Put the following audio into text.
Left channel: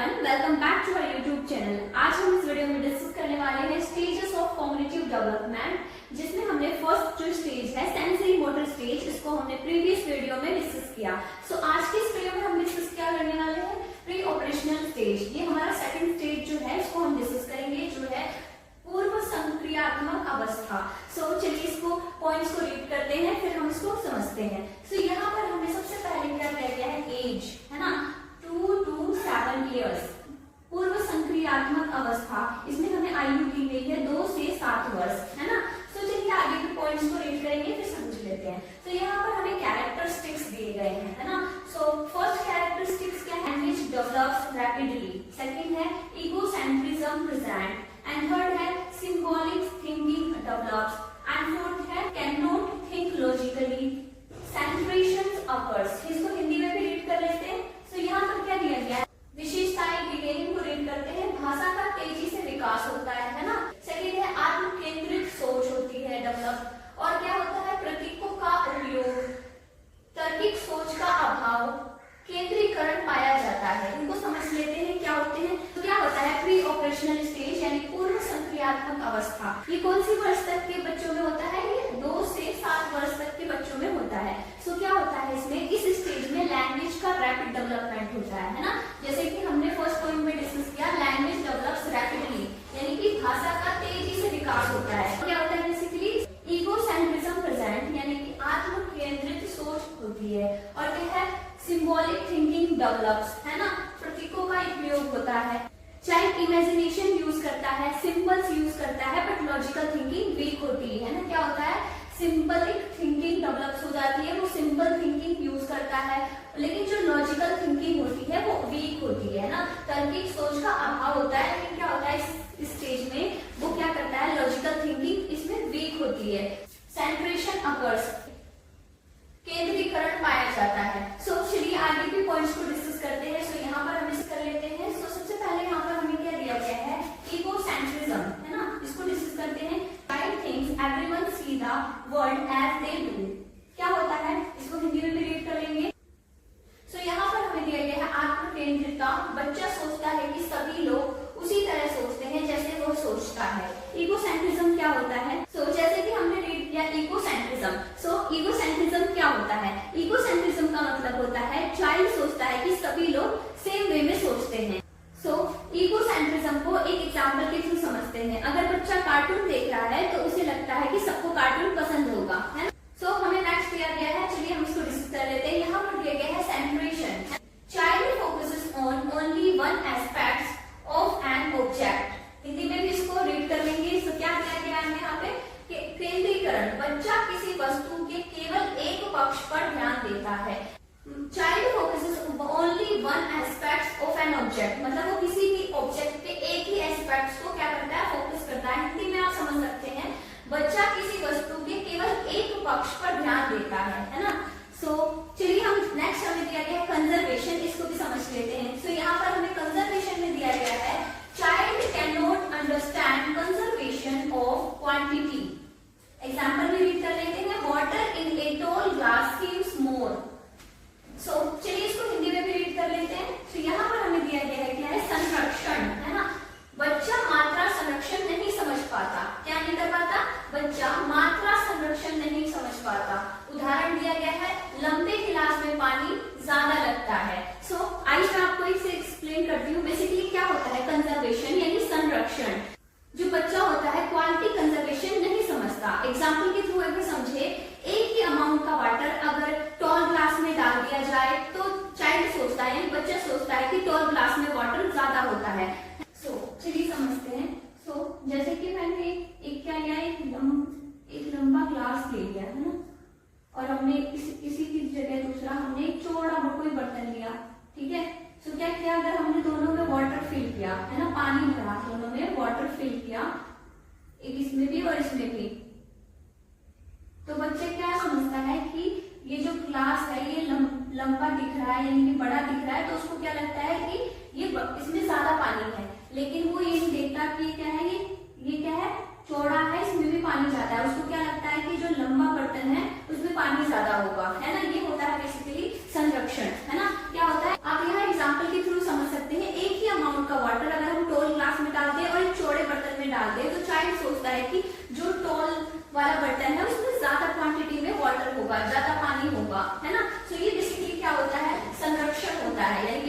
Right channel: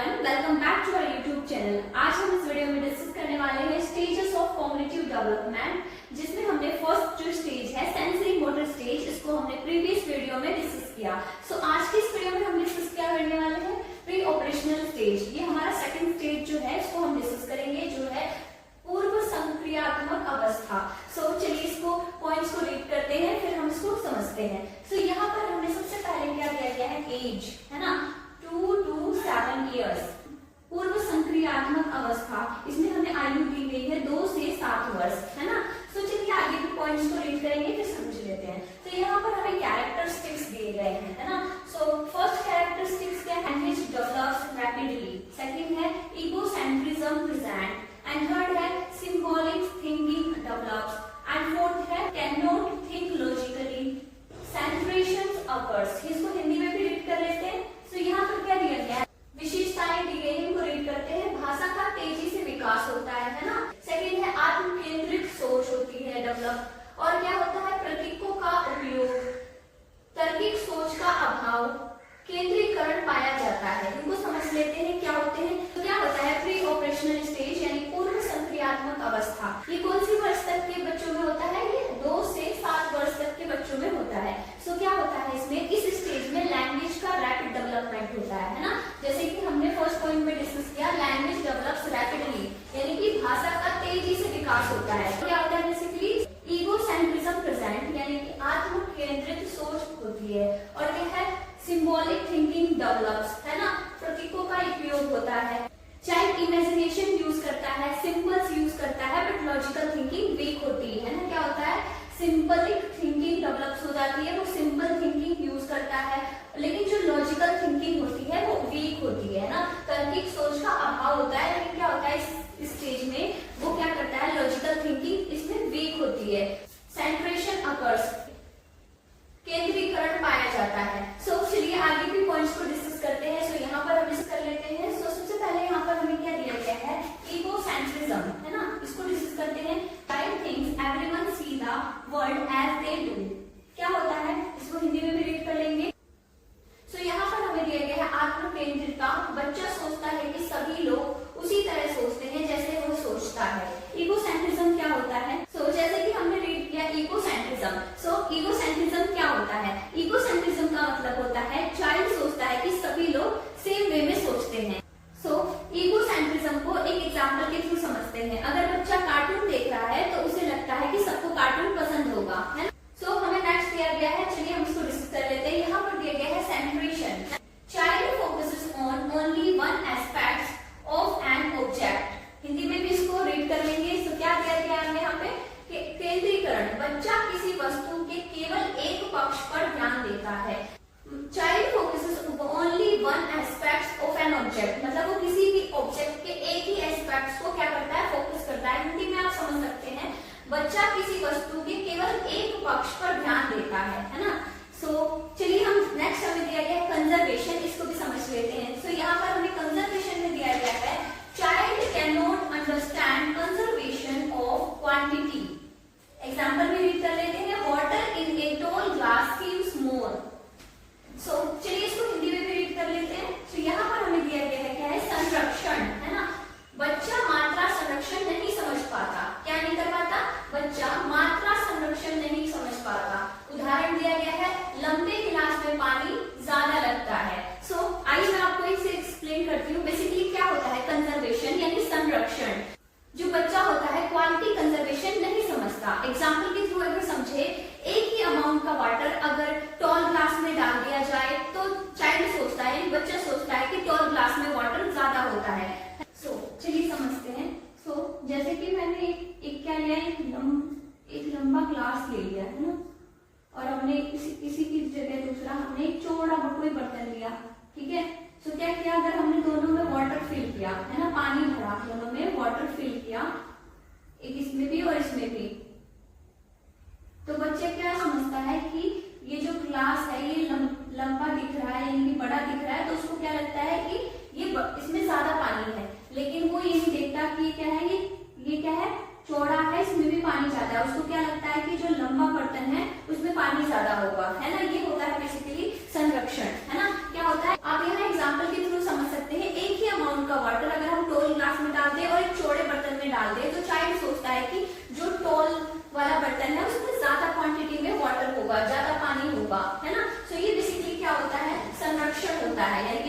Everyone, welcome back to our YouTube channel. आज हम इस वीडियो में डिस्कस करने वाले हैं स्टेजेस ऑफ कॉग्निटिव डेवलपमेंट, जिसमें हमने फर्स्ट जो स्टेज है सेंसरी मोटर स्टेज, इसको हमने प्रीवियस वीडियो में डिस्कस किया। आज की इस वीडियो में हम डिस्कस क्या करने वाले हैं, प्री ऑपरेशनल स्टेज। ये हमारा सेकंड स्टेज जो है इसको हम डिस्कस करेंगे, जो है पूर्व संक्रियात्मक अवस्था। चलिए इसको पॉइंट्स को रीड करते हैं, फिर हम इसको समझते हैं। यहाँ पर हमें सबसे पहले क्या दिया गया है, एज है ना, 2 to 7 years। पूर्व संक्रियात्मक अवस्था, इसमें हमें आयु दी गई है 2 से 7 वर्ष, है ना। चलिए आगे के पॉइंट्स को रीड करेंगे, फिर समझ लेते हैं। यहाँ पर हमें कैरेक्टरिस्टिक्स दिए गए हैं, है ना। फर्स्ट कैरेक्टरिस्टिक्स क्या है, व्हिच डेवलप्स रैपिडली। सेकंड है इगोसेंट्रिज्म प्रेजेंट, एंड थर्ड है symbolic thinking develops, and fourth है can not think logically, centration occurs. इसको हिंदी में भी रीड कर लेते हैं। यहाँ पर क्या दिया गया है, विशेषताएं दी गई है, इनको रीड करते हैं। भाषा का तेजी से विकास होता है ना। सेकेंड है आत्म केंद्रित सोच होती है डेवलप, और क्या होता है प्रतीकों का प्रयोग, तार्किक सोच का अभाव, केंद्रीकरण पाया जाता है। इनको समझ लेते हैं क्या होते हैं। क्या होता है प्री ऑपरेशनल स्टेज यानी पूर्व संक्रियात्मक अवस्था। ये कौन सी वर्ष तक के बच्चों में होता है, ये 2 से 7 वर्ष तक के बच्चों में होता है। क्या होता है इसमें, इस स्टेज में लैंग्वेज का रैपिड डेवलपमेंट होता है ना। जैसे कि हमने फर्स्ट पॉइंट में डिस्कस किया, लैंग्वेज डेवलप्स रैपिडली, यानी कि भाषा का तेजी से विकास होता है। क्या होता है बेसिकली इगोसेंट्रिज्म प्रेजेंट, यानी कि आत्म केंद्रित सोच होती है, और क्या है सिंबॉलिक थिंकिंग डेवलप्स, है ना, प्रतीकों का उपयोग होता है। चाइल्ड इमेजिनेशन यूज करता है, सिंबल्स यूज करता है, बट लॉजिकल थिंकिंग वीक होती है ना। क्या होता है सिंबलिक थिंकिंग डेवलप्स हो जाती है, वो सिंपल थिंकिंग यूज करता है, लेकिन जो लॉजिकल थिंकिंग होती है वो वीक होती है ना। तार्किक सोच का अभाव होता है, लेकिन क्या होता है इस स्टेज में वो क्या करता है, लॉजिकल थिंकिंग इसमें वीक होती है। सेंट्रेशन अकर्स, केंद्रीकरण पाया जाता है। चलिए आगे के पॉइंट्स को डिस्कस करते हैं। यहाँ पर हम डिस्कस कर लेते हैं। सबसे पहले यहाँ पर हमें क्या दिया गया है, इगोसेंट्रिज्म, है ना, इसको डिस्कस करते हैं। Child thinks everyone see the world as they do. क्या होता है, इसको हिंदी में भी रीड कर लेंगे। यहाँ पर हमें दिया गया है आत्म केंद्रितता। बच्चा सोचता है कि सभी लोग उसी तरह सोचते हैं जैसे वो सोचता है। इगोसेंट्रिज्म क्या होता है, जैसे कि हमने रीड किया इगोसेंट्रिज्म। इगोसेंट्रिज्म क्या होता है, इगोसेंट्रिज्म का मतलब होता है चाइल्ड सोचता है कि सभी लोग सेम वे में सोचते हैं। इगोसेंट्रिज्म को एक एग्जांपल के थ्रू समझते हैं। अगर बच्चा कार्टून देख रहा है तो उसे लगता है कि सबको कार्टून पसंद होगा, है ना। हमें नेक्स्ट दिया गया है, चलिए हम इसको डिस्कस कर लेते हैं। यहाँ पर दिया गया है सेंट्रेशन। Child focuses on only one aspect of an object. Hindi में भी इसको रीड कर लेंगे। क्या दिया गया है यहाँ पे, केंद्रीकरण, बच्चा किसी वस्तु के केवल एक पक्ष पर ध्यान देता है। Child focuses only one aspect of an object, मतलब वो किसी भी ऑब्जेक्ट के एक ही एस्पेक्ट को क्या करता है, फोकस करता है। हिंदी में आप समझ सकते हैं, बच्चा किसी वस्तु के केवल एक पक्ष पर ध्यान देता है ना। चलिए हम नेक्स्ट हमें दिया गया है कंजर्वेशन, इसको भी समझ लेते हैं। यहाँ पर हमें कंजर्वेशन में दिया गया है, child can not understand conservation of quantity. Example भी रीड कर लेते हैं। Water in a tall glass seems more. चलिए इसको हिंदी में भी रीड कर लेते हैं। यहाँ पर हमें दिया गया है क्या है, संरक्षण, है ना। बच्चा मात्रा संरक्षण नहीं समझ पाता। क्या नहीं कर पाता, बच्चा मात्रा संरक्षण नहीं समझ पाता। उदाहरण दिया गया है, लंबे गिलास में पानी ज्यादा लगता है। आइए मैं आपको एक से एक्सप्लेन करती हूँ। बेसिकली क्या होता है कंजर्वेशन यानी संरक्षण। जो बच्चा होता है क्वालिटी कंजर्वेशन नहीं समझता। एग्जाम्पल के थ्रू अगर समझे, एक ही अमाउंट का वाटर अगर टॉल ग्लास में डाल दिया जाए तो चाइल्ड सोचता है, यानी बच्चा सोचता है कि टॉल ग्लास में वाटर ज्यादा होता है। चलिए समझते हैं। जैसे कि मैंने एक क्या लिया, एक लंबा ग्लास ले लिया, है ना, और हमने किसी की जगह दूसरा हमने एक चौड़ा कोई बर्तन लिया, ठीक है। क्या किया, अगर हमने दोनों में वाटर फिल किया, है ना, पानी भरा, दोनों में वाटर फिल किया, एक इसमें भी और इसमें भी, तो बच्चे क्या समझता है कि ये जो ग्लास है ये लंबा दिख रहा है, यानी बड़ा दिख रहा है, तो उसको क्या लगता है कि ये इसमें ज्यादा पानी है। लेकिन वो ये नहीं देखता कि क्या है, ये क्या है, चौड़ा है, इसमें भी पानी ज्यादा है। उसको क्या लगता है कि जो लंबा बर्तन है उसमें पानी ज्यादा होगा, है ना। ये होता है बेसिकली संरक्षण, है ना। क्या होता है, आप यहाँ एग्जाम्पल के थ्रू समझ सकते हैं। एक ही है, यानी